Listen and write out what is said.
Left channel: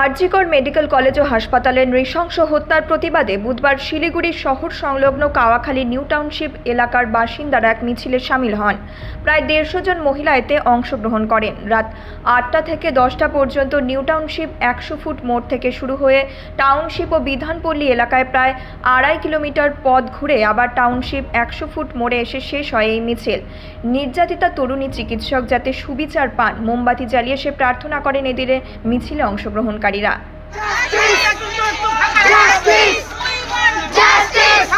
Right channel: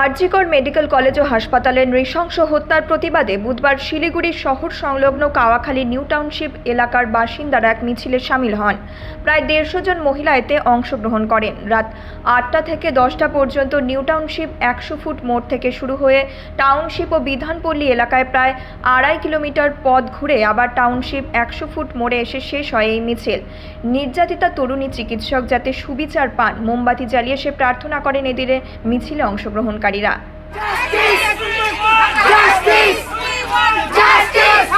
RG Kar medical college ও হাসপাতালে নৃশংস হত্যার প্রতিবাদে বুধবার শিলিগুড়ির শহর সংলগ্ন কাওয়াখালী নিউ টাউনশিপ এলাকার বাসিন্দারা এক মিছিলে শামিল হন। প্রায় 150 জন মহিলা এতে অংশগ্রহণ করেন। রাত 8টা থেকে 10টা পর্যন্ত নিউ টাউনশিপ 100 ফুট মোড় থেকে শুরু হয়ে টাউনশিপ ও বিধানপল্লী এলাকায় প্রায় 2.5 কিলোমিটার পথ ঘুরে আবার টাউনশিপ 100 ফুট মোড়ে এসে শেষ হয় এই মিছিল। নির্যাতিতা তরুণী চিকিৎসক যাতে সুবিচার পান মোমবাতি জ্বালিয়ে সে প্রার্থনা করেন এদিকে মিছিলে অংশগ্রহণকারীরা। Justice! Justice! We want justice!